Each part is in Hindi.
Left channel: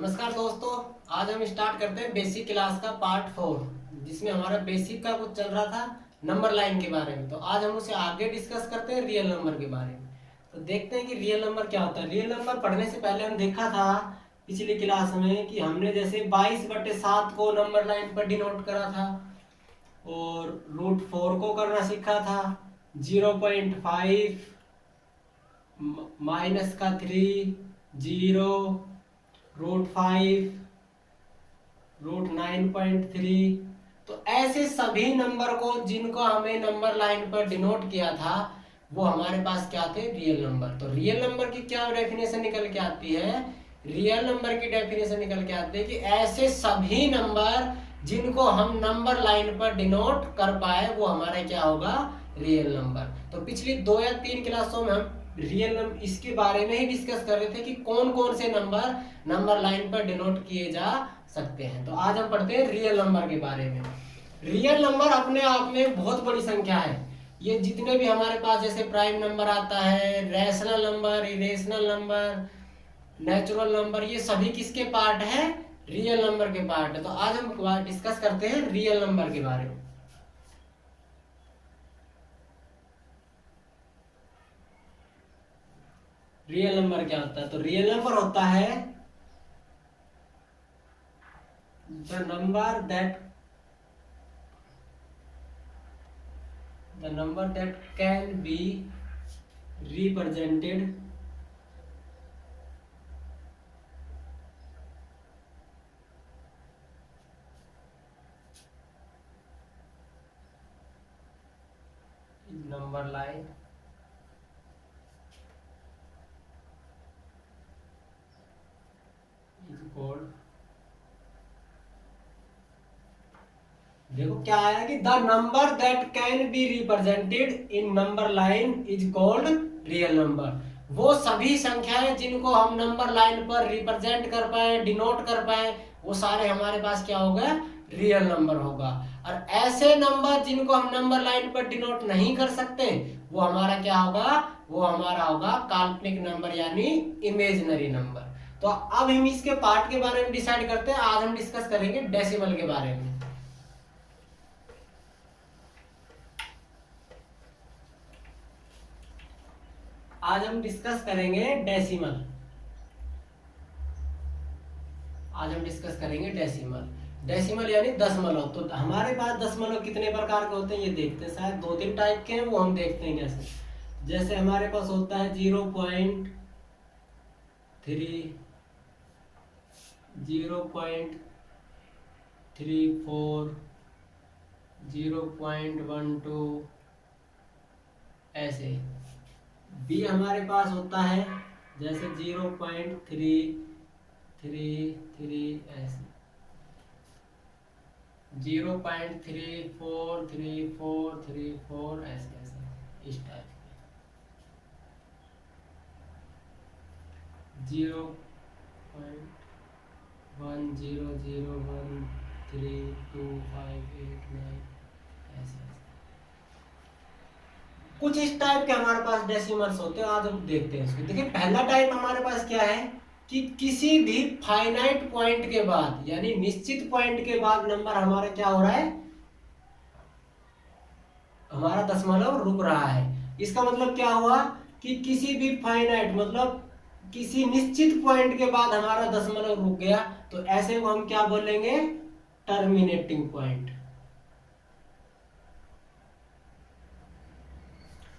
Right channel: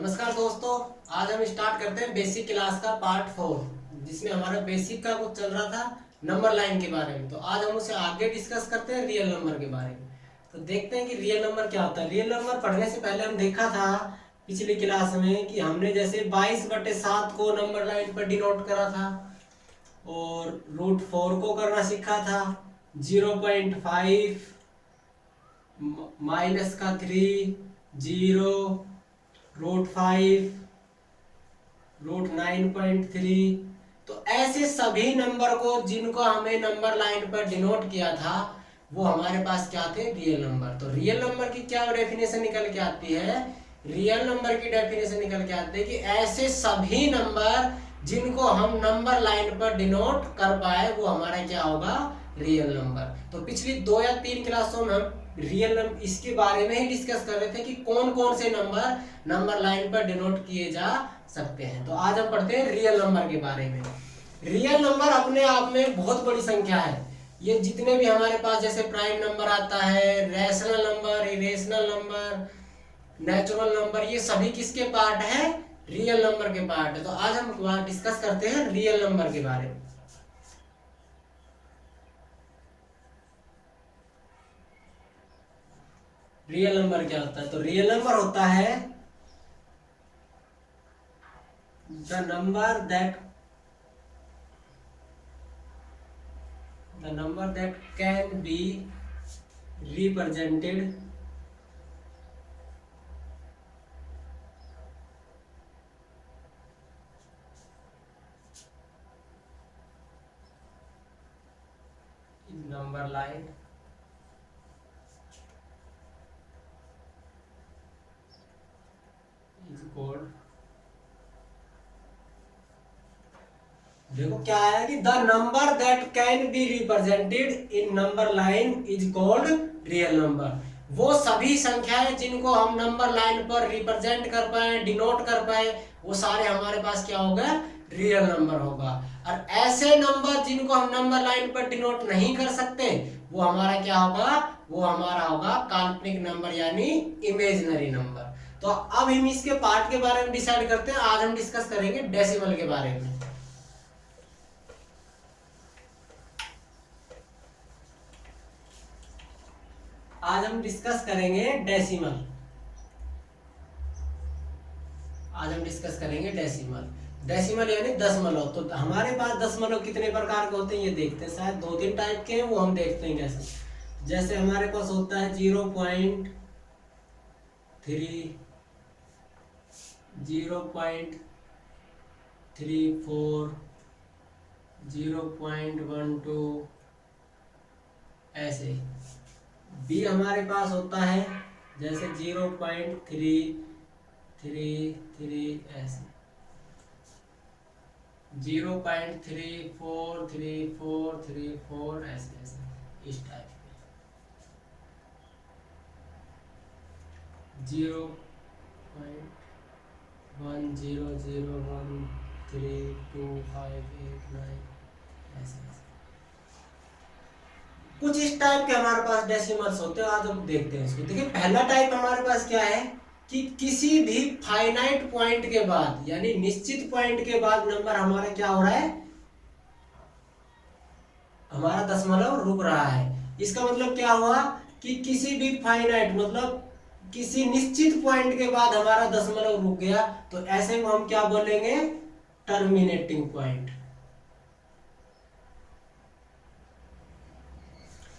नमस्कार दोस्तों। आज हम स्टार्ट करते हैं बेसिक क्लास का पार्ट 4, जिसमें हमारा बेसिक का कुछ चल रहा था नंबर लाइन के बारे में। तो आज हम उसे आगे डिस्कस करते हैं रियल नंबर के बारे में। तो देखते हैं कि रियल नंबर क्या होता है। रियल नंबर पढ़ने से पहले हम देखा था पिछली क्लास में कि हमने जैसे 22/7 को नंबर लाइन पर डिनोट करा था और √4 को करना सीखा था। 0.5 -3 0 √5 √9.3। तो ऐसे सभी नंबर को जिनको हमें नंबर लाइन पर डिनोट किया था वो हमारे पास क्या थे, रियल नंबर। तो रियल नंबर की क्या डेफिनेशन निकल के आती है? रियल नंबर की डेफिनेशन निकल के आती है कि ऐसे सभी नंबर जिनको हम नंबर लाइन पर डिनोट कर पाए वो हमारा क्या होगा, रियल नंबर। तो पिछली 2 या 3 क्लासों में हम रियल नंबर इसके बारे में ही डिस्कस कर रहे थे कि कौन कौन से नंबर लाइन पर डिनोट किए जा सकते हैं। तो आज हम पढ़ते हैं रियल नंबर के बारे में। रियल नंबर अपने आप में बहुत बड़ी संख्या है। ये जितने भी हमारे पास जैसे प्राइम नंबर आता है, rational number, irrational number, natural number, ये सभी किसके पार्ट है, रियल नंबर के पार्ट है। तो आज हम डिस्कस करते हैं रियल नंबर के बारे में। रियल नंबर क्या होता है? तो रियल नंबर होता है the number that can be represented in number line is called, देखो क्या है कि the number that can be represented in number line is called real number. वो सभी संख्याएं जिनको हम नंबर लाइन पर रिप्रेजेंट कर पाए, डिनोट कर पाए, वो सारे हमारे पास क्या होगा, रियल नंबर होगा। और ऐसे नंबर जिनको हम नंबर लाइन पर डिनोट नहीं कर सकते वो हमारा क्या होगा, वो हमारा होगा काल्पनिक नंबर यानी इमेजिनरी नंबर। तो अब हम इसके पार्ट के बारे में डिसाइड करते हैं। आज हम डिस्कस करेंगे डेसिमल के बारे में। आज हम डिस्कस करेंगे डेसिमल। आज हम डिस्कस करेंगे डेसिमल। डेसिमल यानी दशमलव। तो हमारे पास दशमलव कितने प्रकार के होते हैं ये देखते हैं। शायद 2-3 टाइप के हैं, वो हम देखते हैं। जैसे हमारे पास होता है 0.3, 0.34, 0.12, ऐसे। बी हमारे पास होता है जैसे 0.333, ऐसे 0.343434, ऐसे ऐसे इस टाइप। 0.10013258 ऐसे ऐसे कुछ इस टाइप के हमारे पास डेसिमल्स होते हैं। आज हम देखते हैं इसको। देखिए पहला टाइप हमारे पास क्या है कि किसी भी फाइनाइट पॉइंट के बाद यानी निश्चित पॉइंट के बाद नंबर हमारा क्या हो रहा है, हमारा दशमलव रुक रहा है। इसका मतलब क्या हुआ कि किसी भी फाइनाइट मतलब किसी निश्चित पॉइंट के बाद हमारा दशमलव रुक गया, तो ऐसे को हम क्या बोलेंगे, टर्मिनेटिंग पॉइंट।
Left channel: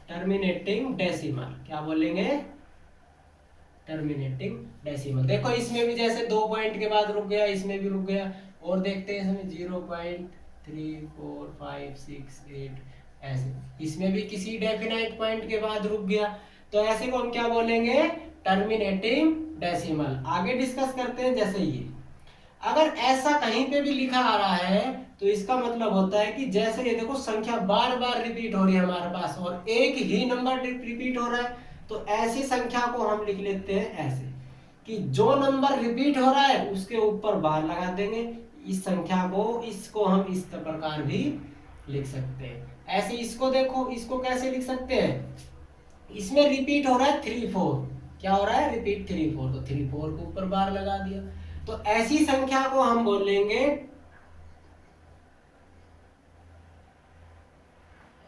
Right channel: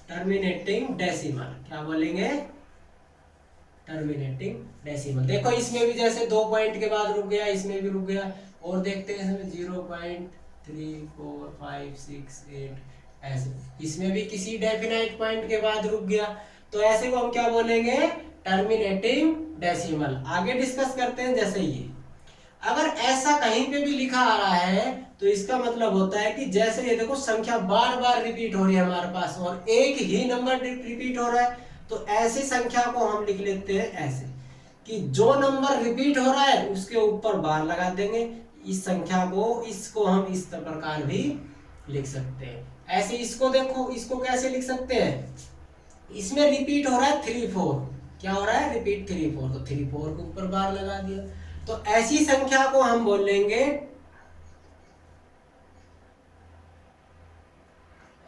टर्मिनेटिंग डेसिमल क्या बोलेंगे, टर्मिनेटिंग डेसिमल। देखो इसमें भी जैसे 2 पॉइंट के बाद रुक गया, इसमें भी रुक गया। और देखते हैं इसमें 0.3456 8 ऐसे, इसमें भी किसी डेफिनाइट पॉइंट के बाद रुक गया। तो ऐसे को हम क्या बोलेंगे, टर्मिनेटिंग डेसिमल। आगे डिस्कस करते हैं। जैसे ये अगर ऐसा कहीं पे भी लिखा आ रहा है तो इसका मतलब होता है कि जैसे ये देखो संख्या बार बार रिपीट हो रही है हमारे पास और एक ही नंबर रिपीट हो रहा है, तो ऐसी संख्या को हम लिख लेते हैं ऐसे कि जो नंबर रिपीट हो रहा है उसके ऊपर बार लगा देंगे। इस संख्या को, इसको हम इस प्रकार भी लिख सकते हैं ऐसे। इसको देखो, इसको कैसे लिख सकते हैं, इसमें रिपीट हो रहा है 3 4, क्या हो रहा है, रिपीट 3 4, तो 3 4 के ऊपर बार लगा दिया। तो ऐसी संख्या को हम बोलेंगे,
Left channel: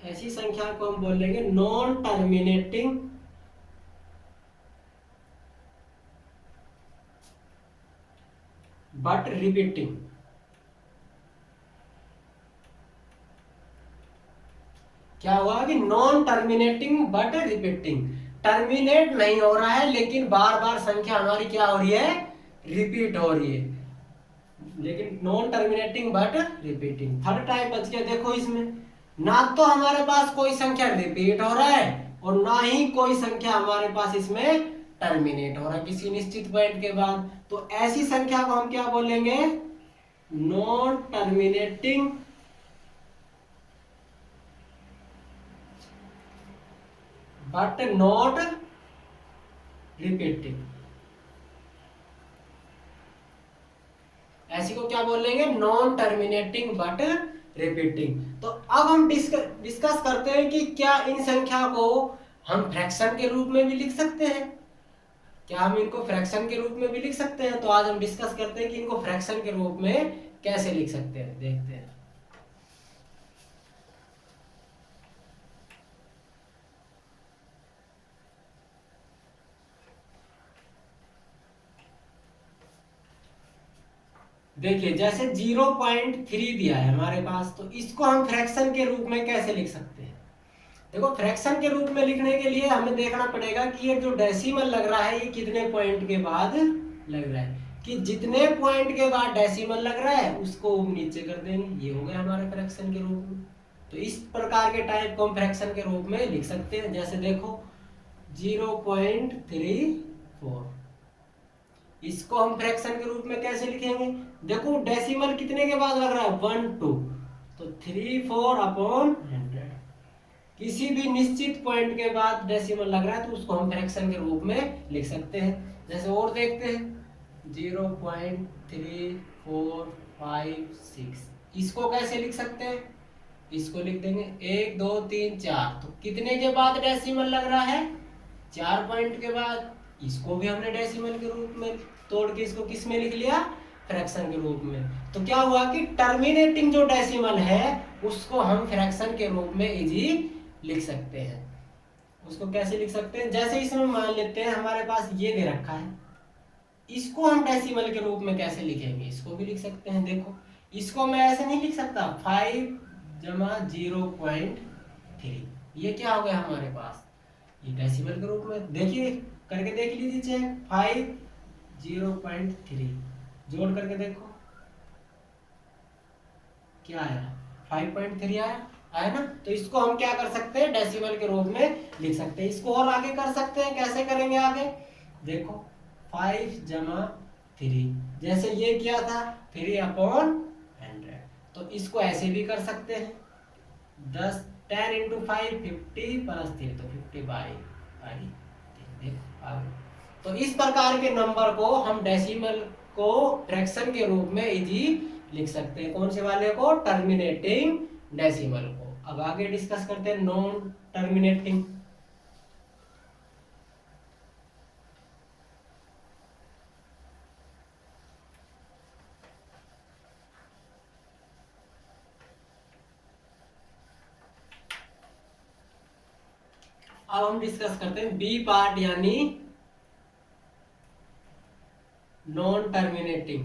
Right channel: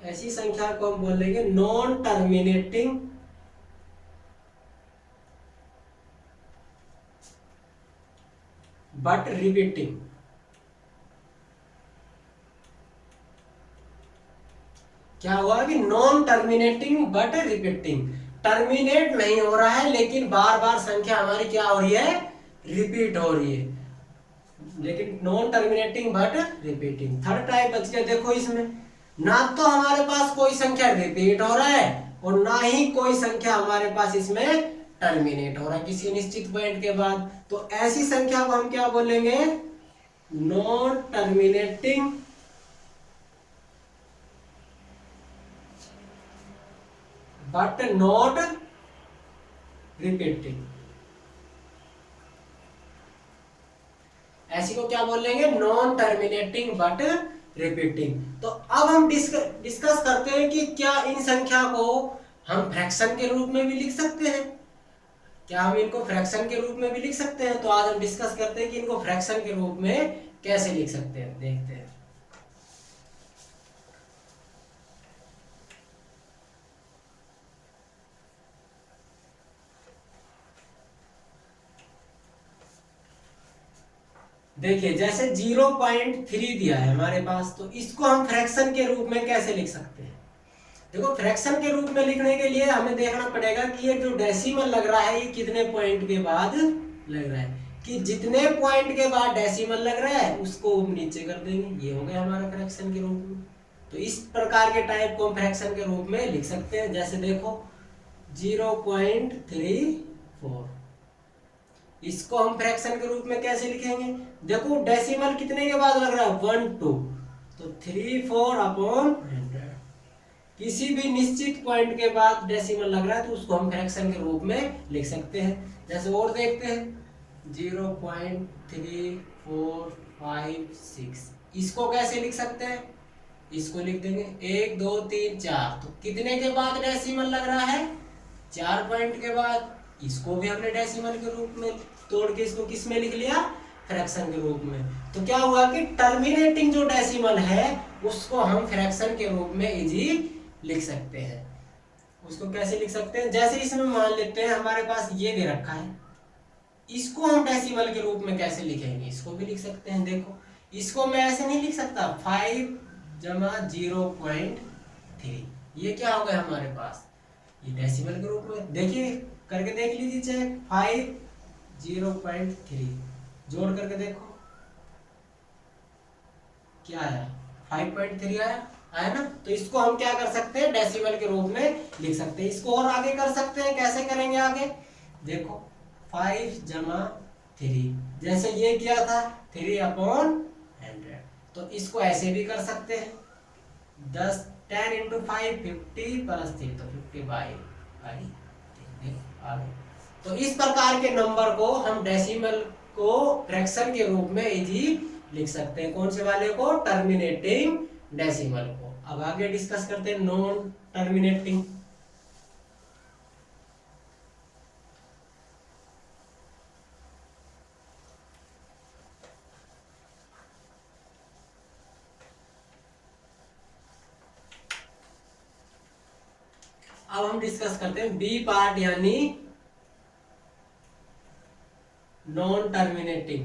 ऐसी संख्या को हम बोलेंगे नॉन टर्मिनेटिंग बट रिपीटिंग। क्या हुआ कि non terminating but repeating, terminate नहीं हो रहा है लेकिन बार बार संख्या हमारी क्या हो रही है, रिपीट हो रही है, लेकिन non terminating but repeating. Third type बच गया, देखो इसमें ना तो हमारे पास कोई संख्या रिपीट हो रहा है और ना ही कोई संख्या हमारे पास इसमें टर्मिनेट हो रहा है किसी निश्चित पॉइंट के बाद। तो ऐसी संख्या को हम क्या बोलेंगे, non terminating but not repeating. ऐसी को क्या बोलेंगे, नॉन टर्मिनेटिंग बट रिपीटिंग। तो अब हम डिस्कस करते हैं कि क्या इन संख्या को हम फ्रैक्शन के रूप में भी लिख सकते हैं, क्या हम इनको फ्रैक्शन के रूप में भी लिख सकते हैं। तो आज हम डिस्कस करते हैं कि इनको फ्रैक्शन के रूप में कैसे लिख सकते हैं, देखते हैं। देखिए जैसे 0.3 दिया है हमारे पास, तो इसको हम फ्रैक्शन के रूप में कैसे लिख सकते हैं। देखो फ्रैक्शन के रूप में लिखने के लिए हमें देखना पड़ेगा कि ये जो डेसिमल लग रहा है ये कितने पॉइंट के बाद लग रहा है, कि जितने पॉइंट के बाद डेसिमल लग रहा है उसको हम नीचे कर देंगे, ये हो गया हमारे फ्रैक्शन के रूप में। तो इस प्रकार के टाइप को हम फ्रैक्शन के रूप में लिख सकते हैं। जैसे देखो 0.34, इसको हम फ्रैक्शन के रूप में कैसे लिखेंगे, देखो डेसिमल कितने के बाद लग रहा है, 1 2, तो 34/100। किसी भी निश्चित पॉइंट के बाद डेसिमल लग रहा है तो उसको हम फ्रैक्शन के रूप में लिख सकते हैं। जैसे और देखते हैं 0.3456, इसको कैसे लिख सकते हैं, इसको लिख देंगे 1 2 3 4, तो कितने के बाद डेसिमल लग रहा है, 4 पॉइंट के बाद। इसको भी हमने डेसिमल के रूप में तोड़ के इसको किस में लिख लिया, फ्रैक्शन के रूप में। तो क्या हुआ कि टर्मिनेटिंग जो डेसिमल है उसको हम फ्रैक्शन के रूप में इजी लिख सकते हैं। उसको कैसे लिख सकते हैं, जैसे इसमें मान लेते हैं हमारे पास ये दे रखा है, इसको हम डेसिमल के रूप में कैसे लिखेंगे, इसको भी लिख सकते हैं। देखो इसको मैं ऐसे नहीं लिख सकता, 5 जमा 0.3, ये क्या हो गया हमारे पास, ये डेसिमल के रूप में। देखिए करके देख लीजिए चेक, 5 0.3 जोड़ करके देखो क्या आया, 5.3 आया ना। तो इसको हम क्या कर सकते हैं, डेसिमल के रूप में लिख सकते हैं। इसको और आगे कर सकते हैं, कैसे करेंगे आगे, देखो 5 जमा 3, जैसे ये किया था 3/100, तो इसको ऐसे भी कर सकते हैं, 10 × 5 50 + 3, तो 50/3। देखो आगे, तो इस प्रकार के नंबर को हम डेसिमल को फ्रैक्शन के रूप में इजी लिख सकते हैं। कौन से वाले को, टर्मिनेटिंग डेसिमल को। अब आगे डिस्कस करते हैं नॉन टर्मिनेटिंग। अब हम डिस्कस करते हैं बी पार्ट, यानी non terminating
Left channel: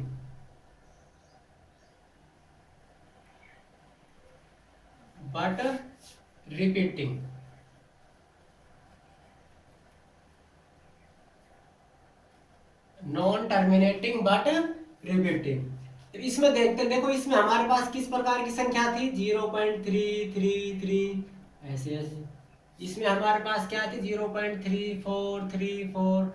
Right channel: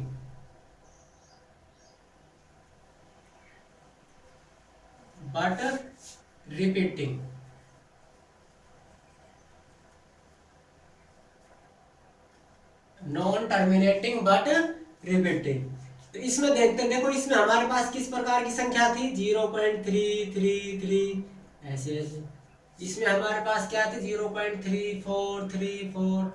but repeating. Non terminating but repeating, तो इसमें देखते हैं। देखो इसमें हमारे पास किस प्रकार की संख्या थी, 0.333, ऐसे ऐसे। इसमें हमारे पास क्या थी, 0.3434,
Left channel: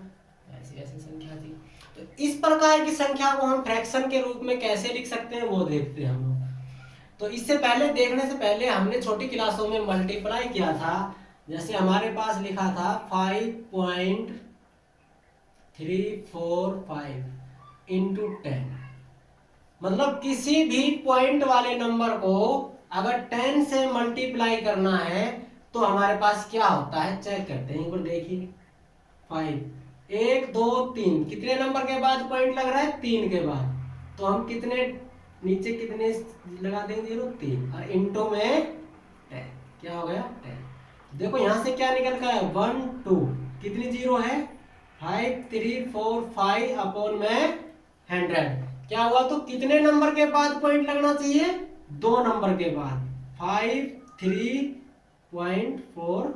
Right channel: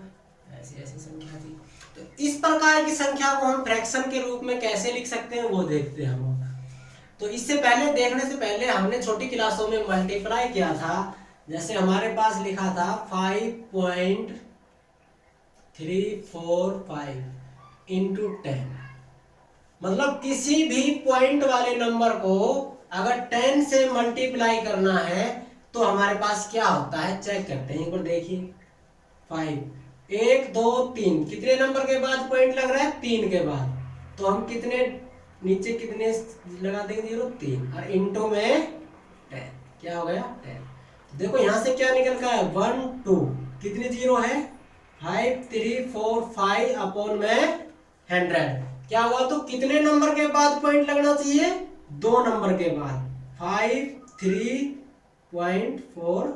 ऐसी ऐसी संख्या थी। तो इस प्रकार की संख्या को हम फ्रैक्शन के रूप में कैसे लिख सकते हैं वो देखते हैं हम। तो इससे पहले, देखने से पहले हमने छोटी क्लासों में मल्टीप्लाई किया था। जैसे हमारे पास लिखा था 5.345 × 10, मतलब किसी भी पॉइंट वाले नंबर को अगर 10 से मल्टीप्लाई करना है तो हमारे पास क्या होता है, चेक करते हैं एक बार। देखिए 5 1 2 3 कितने नंबर के बाद पॉइंट लग रहा है? 3 के बाद। तो हम कितने नीचे कितने लगा देंगे? 0 3 और इनटू में 10, क्या हो गया? 10। देखो यहाँ से क्या निकल का है? 1 2 कितनी जीरो है? 5 3 4 5 अपॉन में 100 क्या हुआ? तो कितने नंबर के बाद पॉइंट लगना चाहिए? 2 नंबर के बाद। 5 3.45।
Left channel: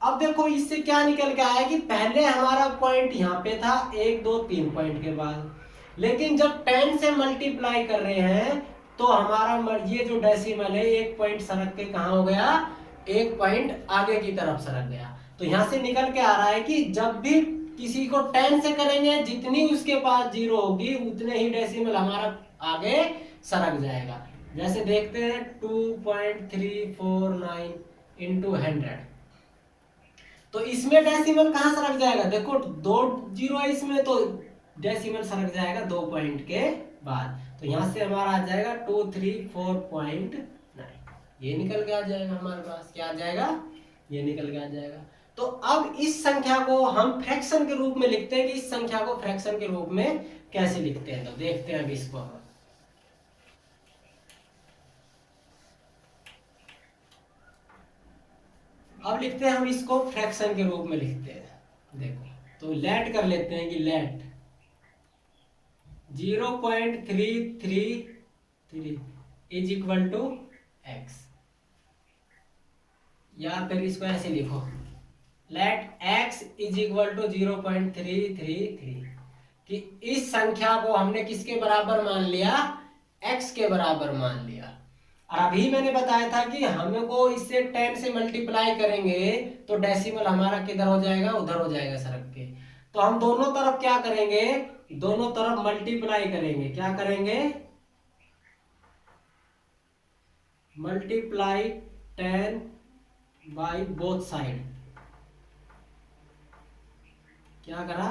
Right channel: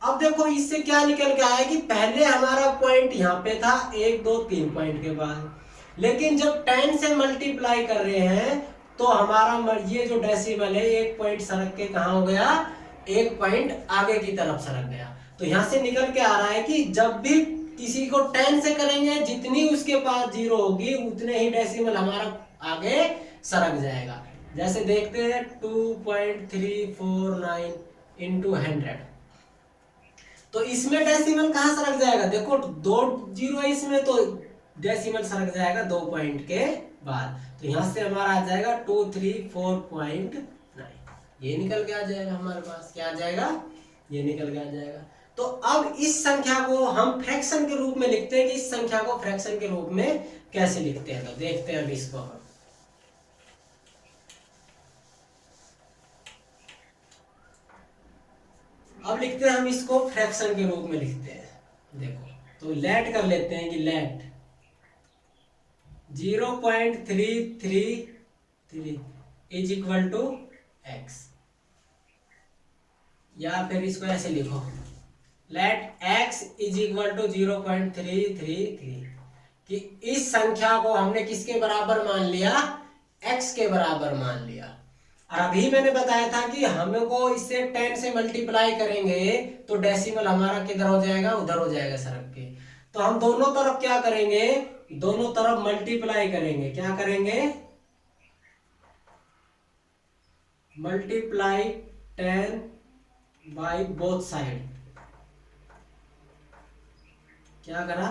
अब देखो इससे क्या निकल के आया कि पहले हमारा पॉइंट यहाँ पे था 1 2 3 पॉइंट के बाद, लेकिन जब 10 से मल्टीप्लाई कर रहे हैं तो हमारा ये जो डेसिमल है 1 पॉइंट सरक के कहाँ हो गया? 1 पॉइंट आगे की तरफ सरक गया। तो यहाँ से निकल के आ रहा है कि जब भी किसी को 10 से करेंगे, जितनी उसके पास जीरो होगी उतने ही डेसिमल हमारा आगे सरक जाएगा। जैसे देखते हैं 2.349 इंटू 100, तो इसमें डेसिमल कहाँ सरक जाएगा? देखो 2 जीरो है इसमें, तो डेसिमल सरक जाएगा 2 पॉइंट के बाद। तो यहाँ से हमारा आ जाएगा 234.9, ये निकल के आ जाएगा हमारे पास। क्या आ जाएगा? ये निकल के आ जाएगा। तो अब इस संख्या को हम फ्रैक्शन के रूप में लिखते हैं कि इस संख्या को फ्रैक्शन के रूप में कैसे लिखते हैं। तो देखते हैं अब इसको हम। अब लिखते हैं हम इसको फ्रैक्शन के रूप में लिखते हैं। देखो तो लेट कर लेते हैं कि let 0.333 is equal to x, या फिर इसको ऐसे लिखो let x is equal to 0.333, कि इस संख्या को हमने किसके बराबर मान लिया? x के बराबर मान लिया। और अभी मैंने बताया था कि हमको इससे 10 से मल्टीप्लाई करेंगे तो डेसिमल हमारा किधर हो जाएगा? उधर हो जाएगा सरक के। तो हम दोनों तरफ क्या करेंगे? दोनों तरफ मल्टीप्लाई करेंगे। क्या करेंगे? Multiply 10 by both side. क्या करा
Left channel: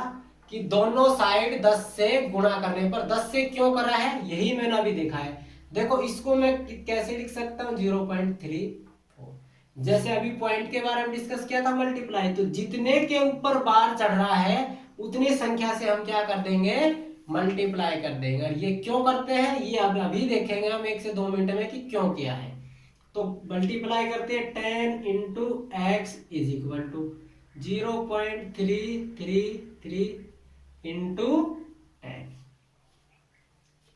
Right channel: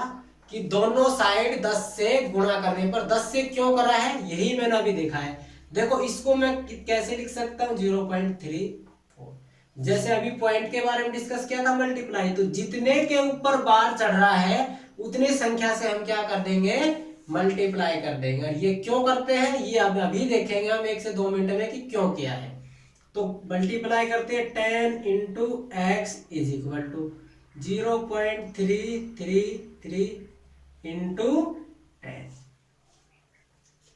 कि दोनों साइड 10 से गुणा करने पर, 10 से क्यों करा है यही मैंने अभी देखा है। देखो इसको मैं कैसे लिख सकता हूँ? 0.34। जैसे अभी पॉइंट के बारे में डिस्कस किया था मल्टीप्लाई, तो जितने के ऊपर बार चढ़ रहा है उतनी संख्या से हम क्या कर देंगे? मल्टीप्लाई कर देंगे। और ये क्यों करते हैं ये अभी देखेंगे हम 1 से 2 मिनट में कि क्यों किया है। तो मल्टीप्लाई करते हैं 10 into x is equal to 0.333 into 10।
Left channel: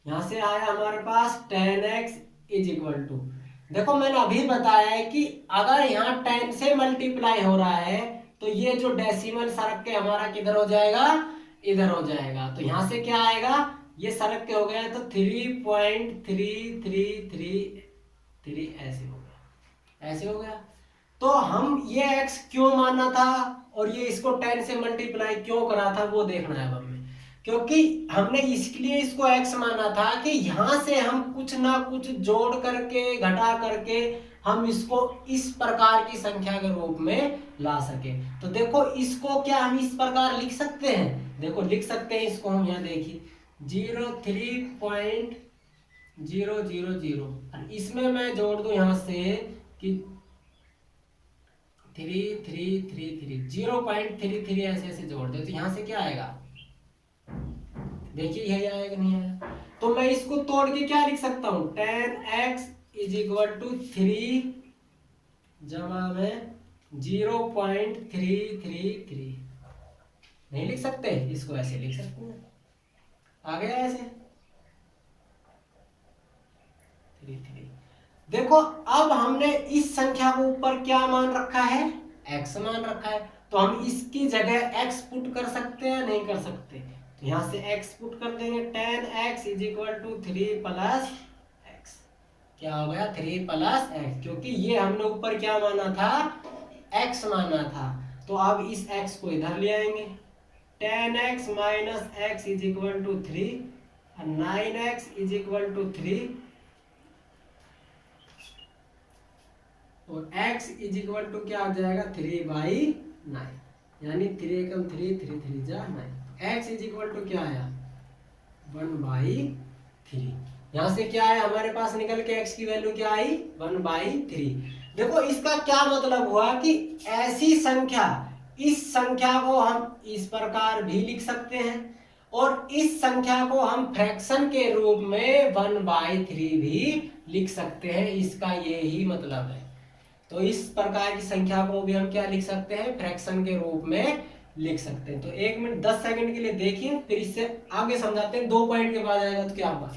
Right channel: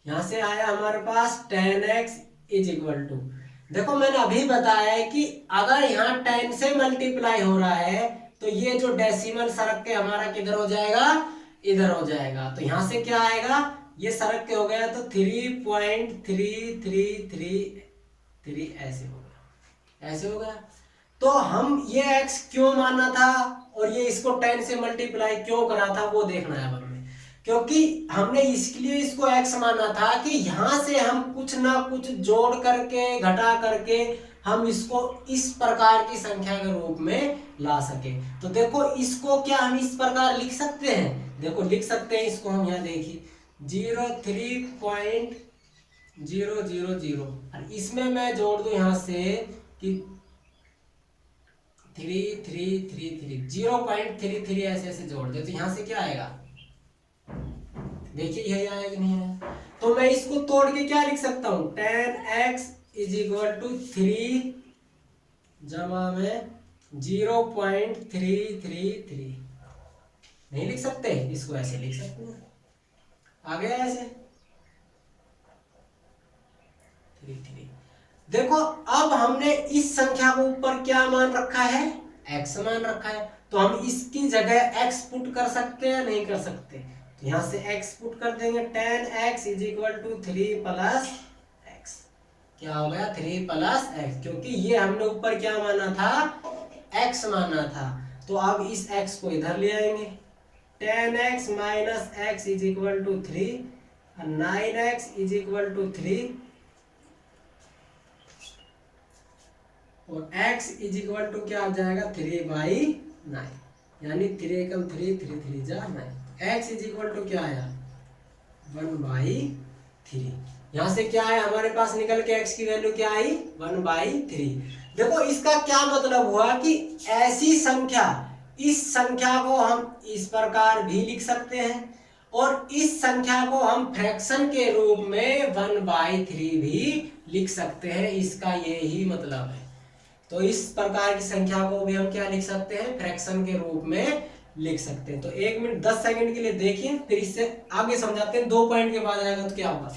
यहां से आया हमारे पास 10x इज इक्वल टू, देखो मैंने अभी बताया है कि अगर यहाँ 10 से मल्टीप्लाई हो रहा है तो ये जो डेसिमल सरक के हमारा किधर हो जाएगा? इधर हो जाएगा। तो यहां से क्या आएगा? ये सरक के हो गया तो 3.333 ऐसे हो गया, ऐसे हो गया। तो हम ये x क्यों माना था और ये इसको 10 से मल्टीप्लाई क्यों करा था वो देखना है हमें। क्योंकि हमने इसलिए इसको x माना था कि यहां से हम कुछ ना कुछ जोड़ करके घटा करके हम इसको इस प्रकार की संख्या के रूप में ला सके। तो देखो इसको क्या हम इस प्रकार लिख सकते हैं? देखो लिख सकते हैं इसको हम, यहाँ देखिए 03.000 और इसमें मैं जोड़ दूं यहां से कि 0.33 ऐसे ऐसे जोड़ दे तो यहां से क्या आएगा? देखिए यही आएगा कि नहीं है। तो मैं इसको तोड़ के क्या लिख सकता हूं? 10x इज इक्वल टू 3 जमा में 0.333 नहीं लिख सकते? इसको ऐसे लिख सकते हैं, आ गया ऐसे 33। देखो अब हमने इस संख्या के ऊपर क्या मान रखा है? x मान रखा है। तो हम इसकी जगह x पुट कर सकते हैं? नहीं कर सकते। तो यहां से x पुट कर देंगे 10x is equal to 3 plus x। क्या हो गया? 3 प्लस x, क्योंकि ये हमने ऊपर क्या माना था? x माना था। तो अब इस x को इधर ले आएंगे 10x minus x is equal to 3 और 9x इज इक्वल टू 3 और x इज इक्वल टू क्या हो जाएगा? 3/9, यानी 3 एकम 3 3 3 जा 9। x इज इक्वल टू क्या आया? 1/3। यहां से क्या है हमारे पास निकल के x की वैल्यू क्या आई? 1/3। देखो इसका क्या मतलब हुआ कि ऐसी संख्या इस संख्या को हम इस प्रकार भी लिख सकते हैं और इस संख्या को हम फ्रैक्शन के रूप में 1/3 भी लिख सकते हैं। इसका यही मतलब है। तो इस प्रकार की संख्या को भी हम क्या लिख सकते हैं, फ्रैक्शन के रूप में लिख सकते हैं। तो 1 मिनट 10 सेकंड के लिए देखिए, फिर इससे आगे समझाते हैं। 2 पॉइंट के बाद आएगा तो क्या होगा।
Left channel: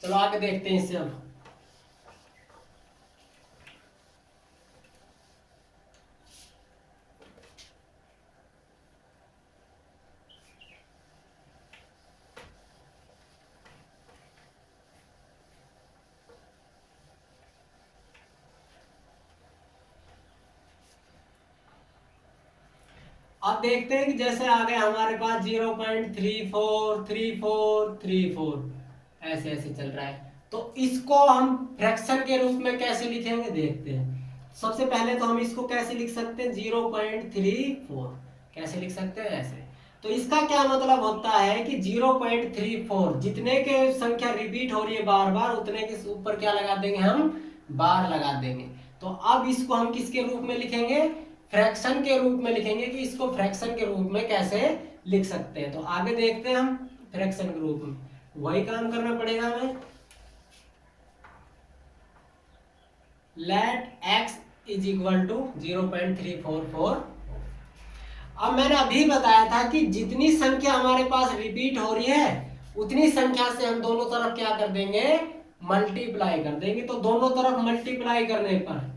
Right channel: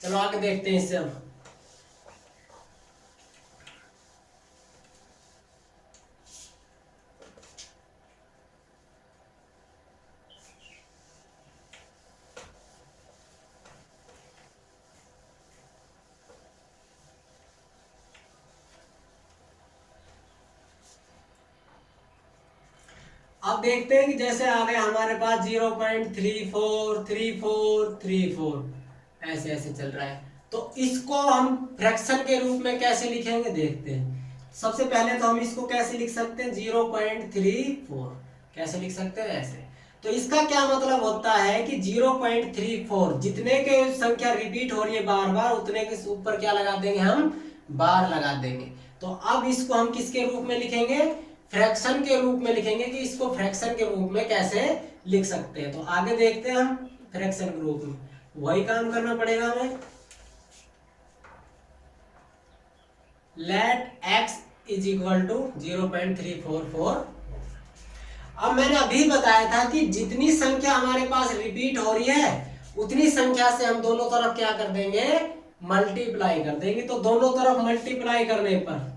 चलो आगे देखते हैं इससे। अब देखते हैं कि जैसे आ गए हमारे पास 0.343434 ऐसे ऐसे चल रहा है। तो इसको हम फ्रैक्शन के रूप में कैसे लिखेंगे देखते हैं। सबसे पहले तो हम इसको कैसे लिख सकते हैं, 0.34 कैसे लिख सकते हैं, ऐसे। तो इसका क्या मतलब होता है कि 0.34 जितने के संख्या रिपीट हो रही है बार बार, उतने के ऊपर क्या लगा देंगे, हम बार लगा देंगे। तो अब इसको हम किसके रूप में लिखेंगे, फ्रैक्शन के रूप में लिखेंगे। कि इसको फ्रैक्शन के रूप में कैसे लिख सकते हैं, तो आगे देखते हैं हम फ्रैक्शन के रूप में। वही काम करना पड़ेगा हमें। Let x is equal to 0.344। अब मैंने अभी बताया था कि जितनी संख्या हमारे पास रिपीट हो रही है उतनी संख्या से हम दोनों तरफ क्या कर देंगे, मल्टीप्लाई कर देंगे। तो दोनों तरफ मल्टीप्लाई करने पर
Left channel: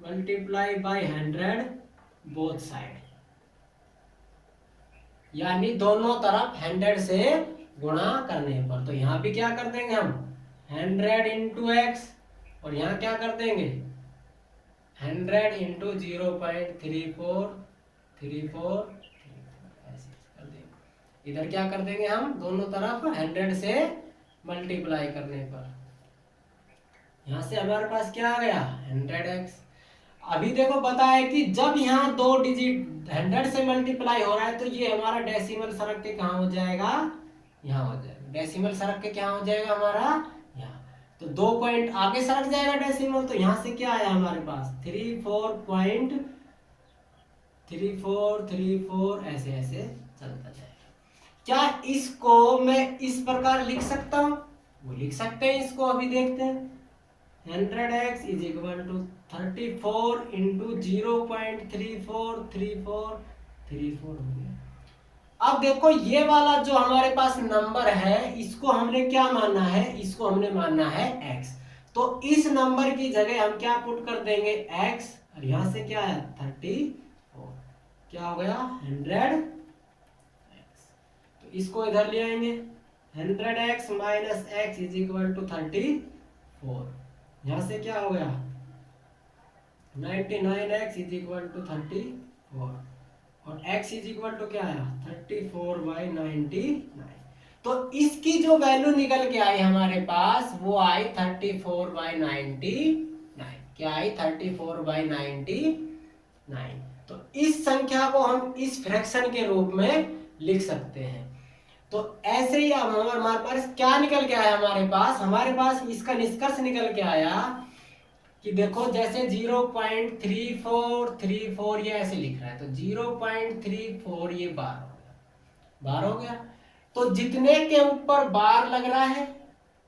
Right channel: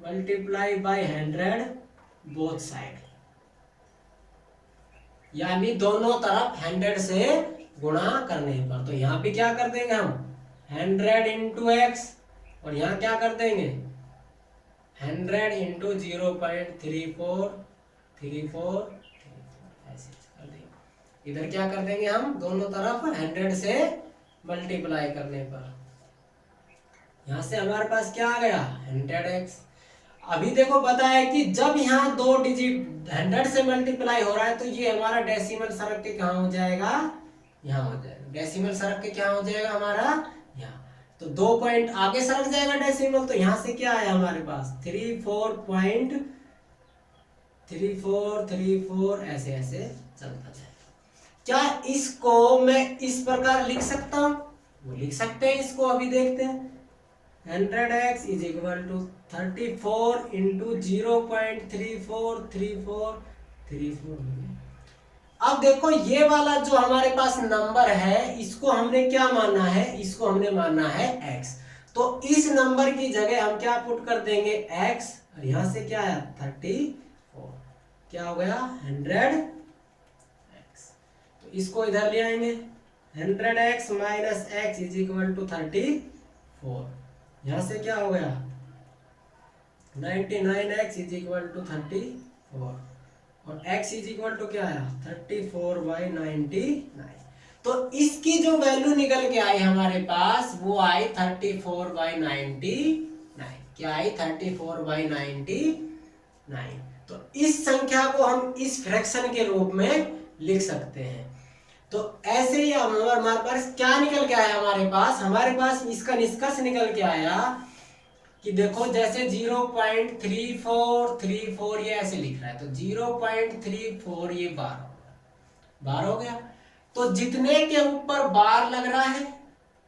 मल्टीप्लाई बाय 100 बोथ साइड, यानी दोनों तरफ 100 से गुणा करने पर। तो यहाँ पे क्या कर देंगे हम 100 इंटू एक्स, और यहाँ क्या कर देंगे 100 इंटू 0.3434 ऐसे कर देंगे। इधर क्या कर देंगे हम दोनों तरफ 100 से मल्टीप्लाई करने पर। यहाँ से हमारे पास क्या आ गया 100x। अभी देखो बताया कि जब यहाँ 2 डिजिट 100 से मल्टीप्लाई हो रहा है तो ये हमारा डेसिमल सरक के कहाँ हो जाएगा, यहाँ हो जाएगा। डेसिमल सरक के क्या हो जाएगा हमारा, यहाँ। तो 2 पॉइंट आगे सरक जाएगा डेसिमल। तो यहाँ से क्या आया हमारे पास 34.3434 ऐसे ऐसे चलता जाएगा। क्या इसको मैं इस प्रकार लिख सकता हूँ, वो लिख सकते हैं। इसको अभी देखते हैं। 100x is equal to 34 into 0.343434। अब देखो ये वाला जो हमारे पास नंबर है इसको हमने क्या माना है, इसको हमने माना है x। तो इस नंबर की जगह हम क्या पुट कर देंगे x, और यहां से क्या है 34, क्या हो गया 100x। तो इसको इधर ले आएंगे 100x minus x is equal to 34। यहां से क्या हो गया 99x इज इक्वल टू 34, और x इज इक्वल टू क्या आया 34/99। तो इसकी जो वैल्यू निकल के आई हमारे पास वो आई 34/99। क्या आई 34/99। तो इस संख्या को हम इस फ्रैक्शन के रूप में लिख सकते हैं। तो ऐसे ही हमारे पास क्या निकल के आया, हमारे पास इसका निष्कर्ष निकल के आया कि देखो जैसे 0.3434 ये ऐसे लिख रहा है। तो 0.34 ये बार हो गया। तो जितने के ऊपर बार लग रहा है,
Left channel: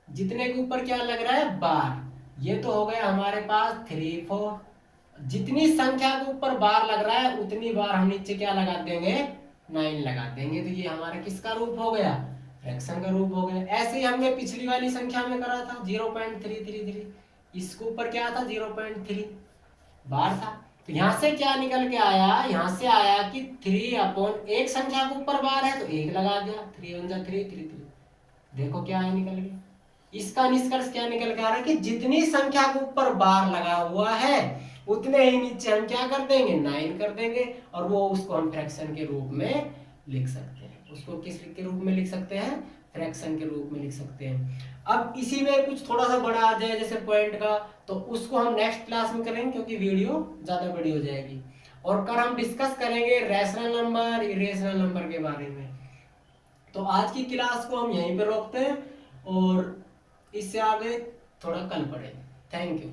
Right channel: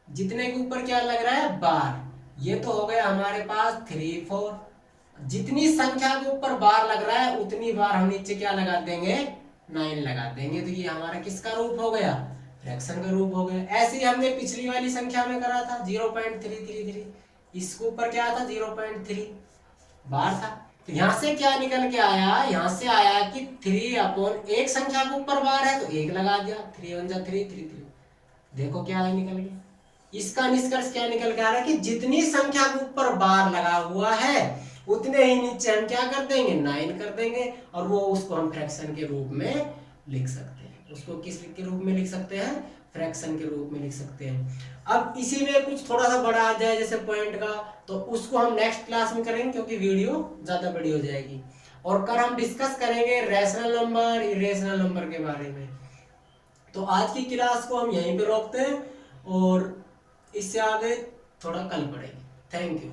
जितने के ऊपर क्या लग रहा है बार, ये तो हो गया हमारे पास 34। जितनी संख्या के ऊपर बार लग रहा है उतनी बार हम नीचे क्या लगा देंगे 9 लगा देंगे। तो ये हमारा किसका रूप हो गया, फ्रैक्शन का रूप हो गया। ऐसे ही हमने पिछली वाली संख्या में करा था 0.333, इसके ऊपर क्या था 0.3 बार था। तो यहाँ से क्या निकल के आया, यहाँ से आया कि 3 एक संख्या के ऊपर बार है तो 1 लगा दिया, 3 1 जा 3 3 3। देखो क्या है निकल गया। इसका निष्कर्ष क्या निकल के आ रहा है कि जितनी संख्या के ऊपर बार लगा हुआ है उतने ही नीचे हम क्या कर देंगे 9 कर देंगे, और वो उसको हम फ्रैक्शन के रूप में लिख सकते हैं। उसको किस के रूप में लिख सकते हैं, फ्रैक्शन के रूप में लिख सकते हैं। अब इसी में कुछ थोड़ा सा बड़ा आ जाए जैसे पॉइंट का, तो उसको हम नेक्स्ट क्लास में करेंगे क्योंकि वीडियो ज़्यादा बड़ी हो जाएगी। और कल हम डिस्कस करेंगे रैशनल नंबर, इरेशनल नंबर के बारे में। तो आज की क्लास को हम यहीं पे रोकते हैं और इससे आगे थोड़ा कल पढ़ेंगे। Thank you.